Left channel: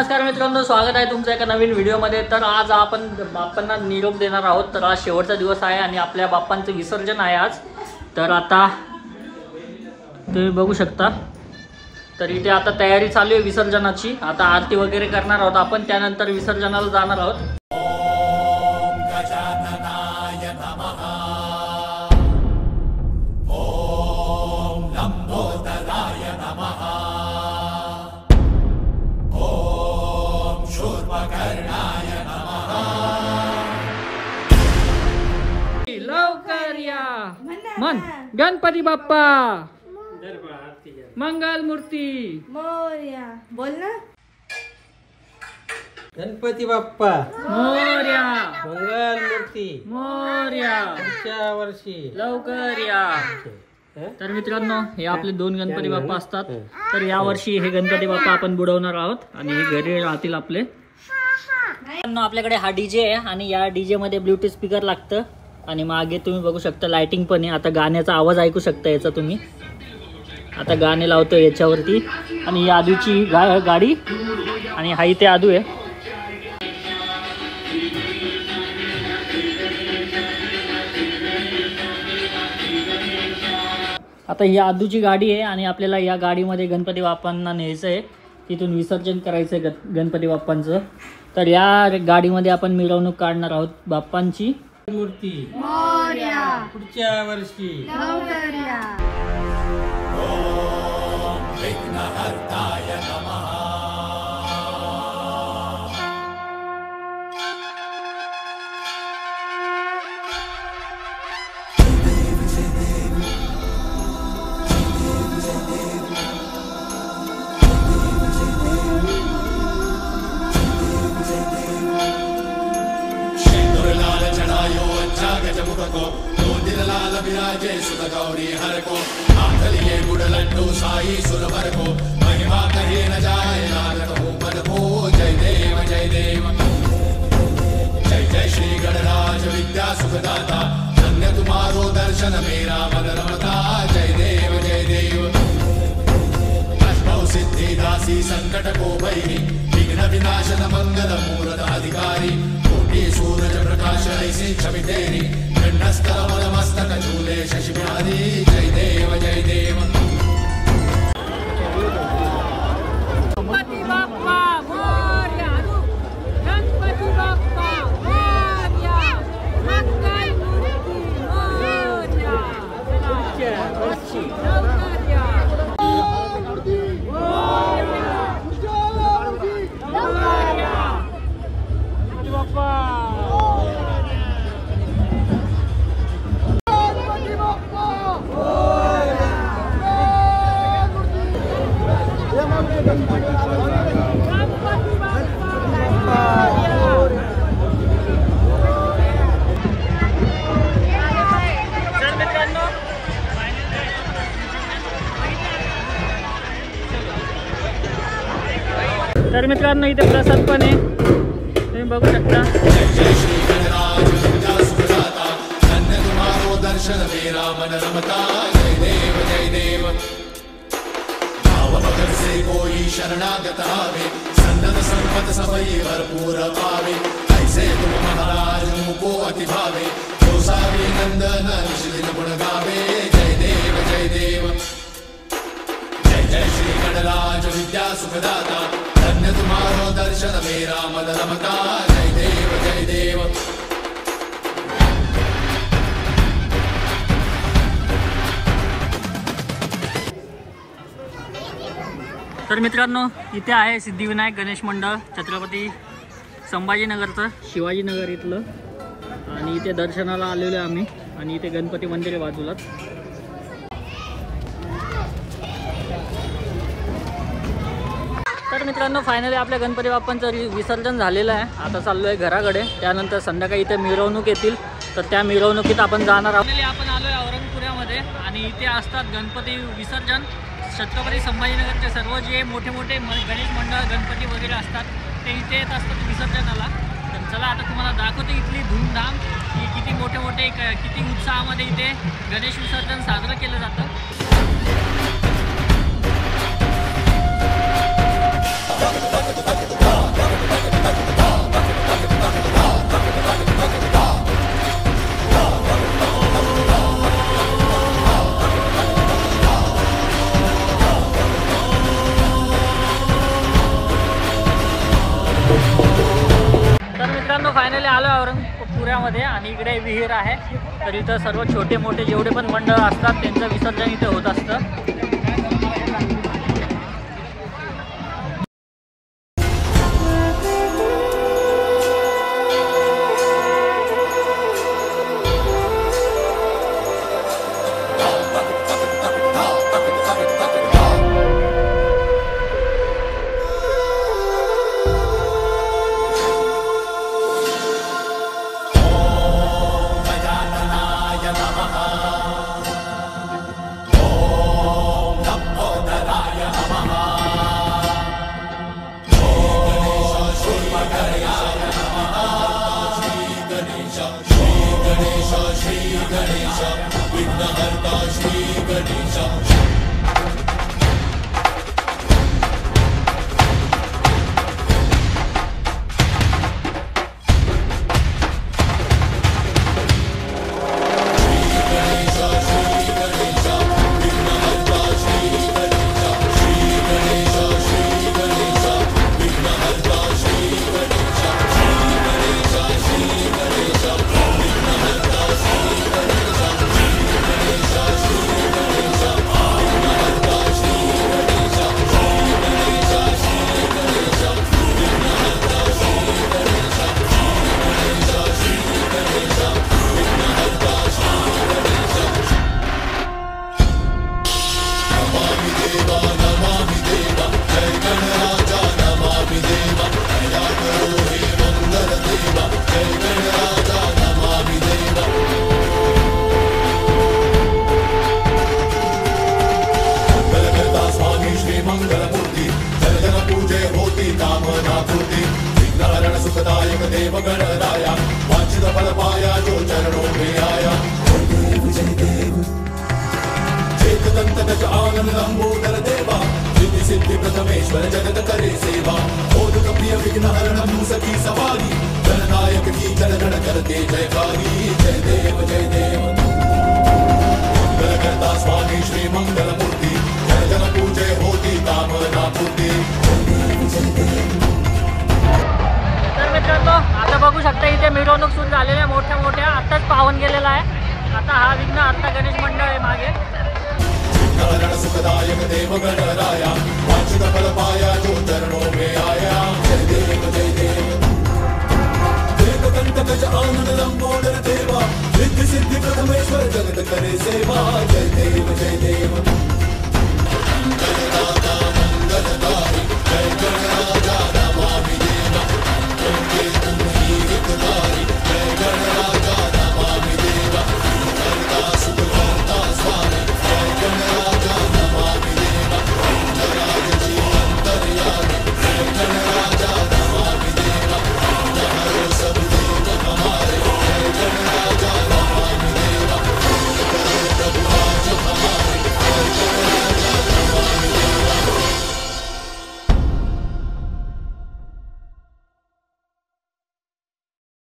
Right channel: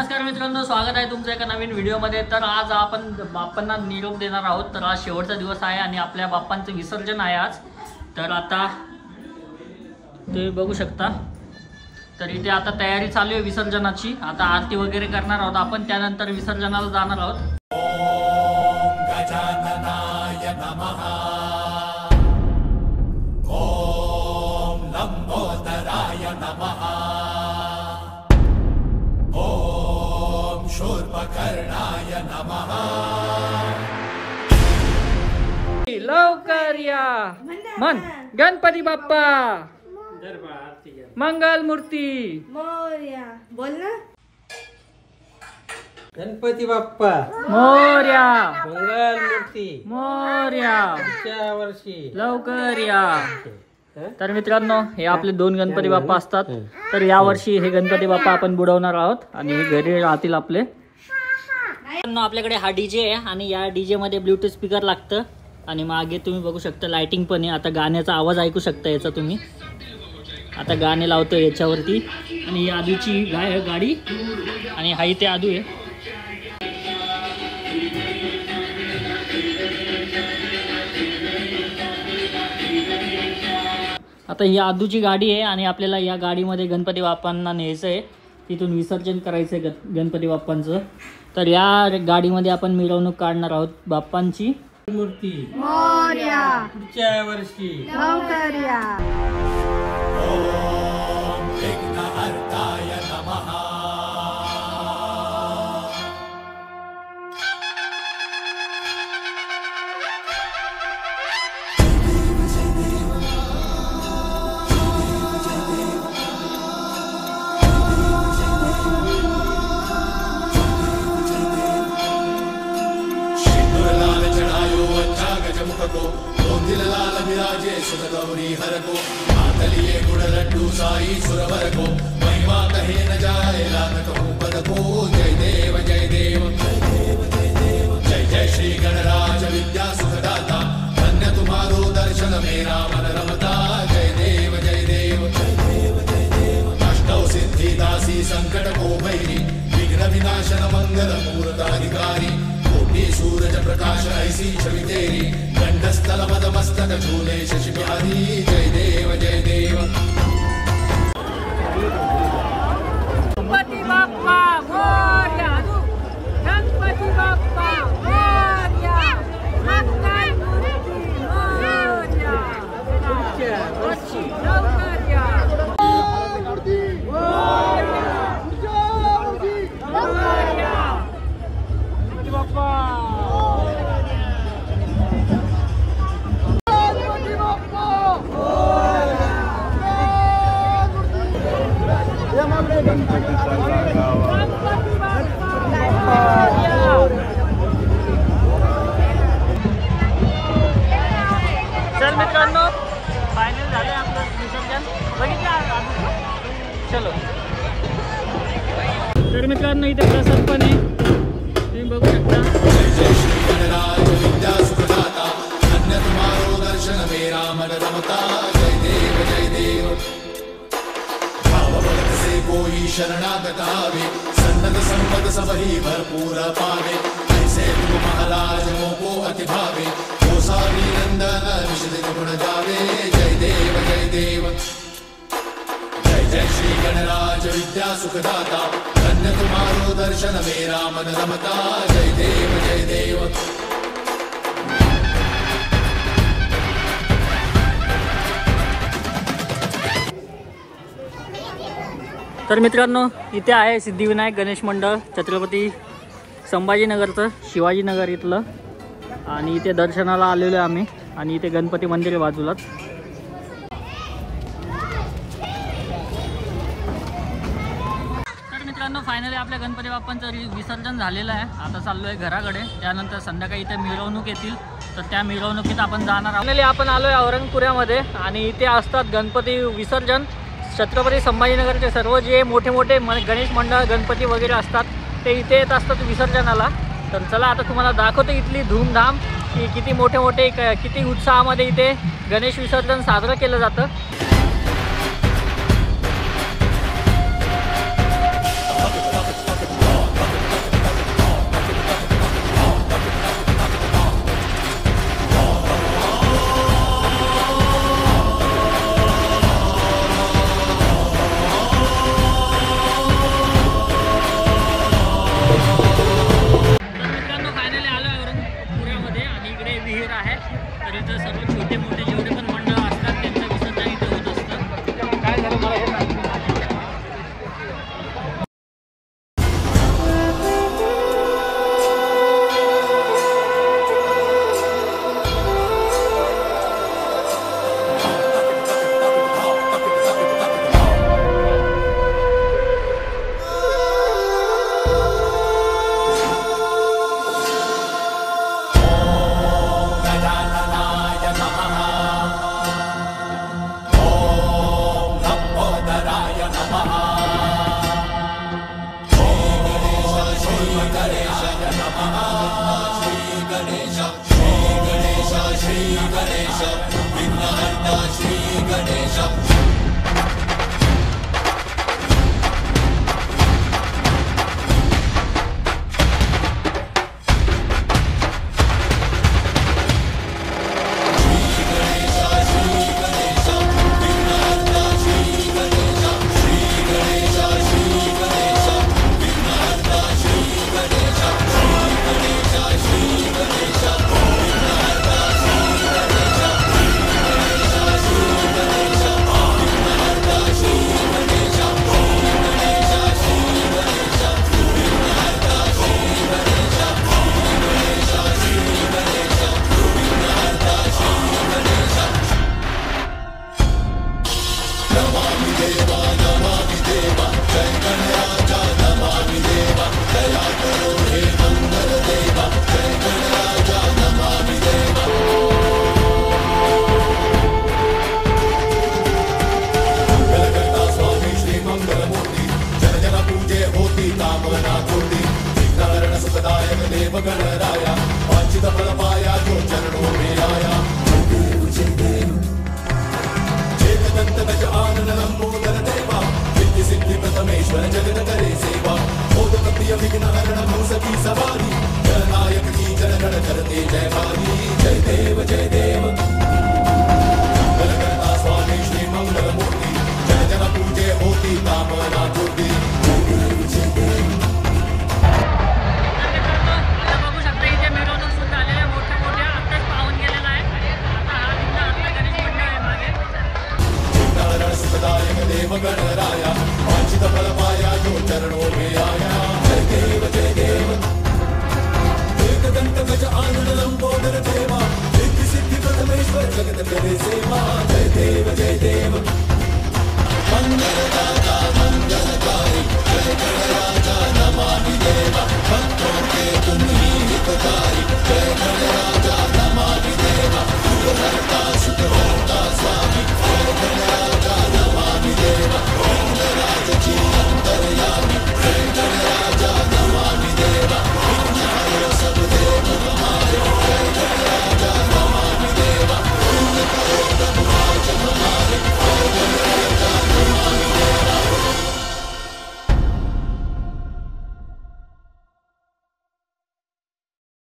नमस्कार मित्रांनो, स्वागत आहे तुमच्या एका नवीन व्हिडिओमध्ये। तर आज आपण बाप्पांना निरोप देणार आहोत। तर आज शेवटचा दिवस आहे आणि आपल्या बाप्पांचं विसर्जन आहे आज। तर आता तुम्ही बघू शकता, तर इथे आता तयारी चालू आहे विसर्जनाची। आता आरती वगैरे करणार आहोत आपण, त्यानंतर विसर्जनाला जाणार आहोत। लवकर या मन गणपती बाप्पा मंगल मूर्ती मोरया बोल ना। गणपती बाप्पा मोरया मंगल मूर्ती मोरया पुढच्या वर्षी लवकर या। तर मित्रांनो, हे आपले दोन गणपती बाप्पा असतात। तर या वर्षी हे गणपती बाप्पा आपण बुडवणार आहोत आणि हे घरी राहतील आपले। आपल्याकडे हा डीजे आहे आणि या डीजे मध्ये ब्लूटूथ स्पीकर लागतं आणि मागे तुम्ही बघू शकता लाइटिंग पण आहे। आता गाण्याचा आवाज ऐकू शकता याचा तुम्ही। आता गाणे लावतो याच्यावरती आणि ही आदूची गाडी आणि हा इथे आदू आहे। आता ही आदूची गाडी आहे आणि आपल्याला या गाडीमध्ये गणपती बाप्पांना न्यायचं आहे, तिथून विसर्जन करायचं आहे गणपती बाप्पांचं। तर या गाडीमध्ये आपण मिरवणूक काढणार आहोत बाप्पांची। मूर्ती मोरया पुढच्या वर्षी लवकर या। तर मित्रांनो, इथे प्रसाद पण आहे, तुम्ही बघू शकता। तर मित्रांनो, इथे आहे सिद्धिविनायक गणेश मंडळ छत्रपती संभाजीनगरचं, शिवाजीनगर इथलं। आणि इथे दर्शनाला आलेलो आहे आम्ही आणि इथे गणपती मंदिर आहे बाजूलाच। तर मित्रांनो, फायनली आपल्या गणपती बाप्पांचं विसर्जन झालेलं आहे। आता चाललो आहे घराकडे, त्यानंतर संध्याकाळी इथे मिरवणूक येतील, तर त्या मिरवणुकीत आपण जाणार आहोत। फायनली आपण आलो आहे औरंगपुऱ्यामध्ये आणि इथे असतात गणपती विसर्जन। छत्रपती संभाजीनगरचे सर्व जे मोठे मोठे गणेश मंडळ गणपती वगैरे असतात ते इथे येत असतात विसर्जनाला। तर चला आता तुम्हाला दाखवतो इथली धूमधाम की किती मोठे मोठे किती उत्साहामध्ये इथे गणेश विसर्जन साजरं केलं जातं। मंडळामध्ये आणि इकडे विहीर आहे. तर इथं सर्व छोटे मोठे जेवढे पण मंडळ असतात त्यांचं विसर्जन इथे होत असतं.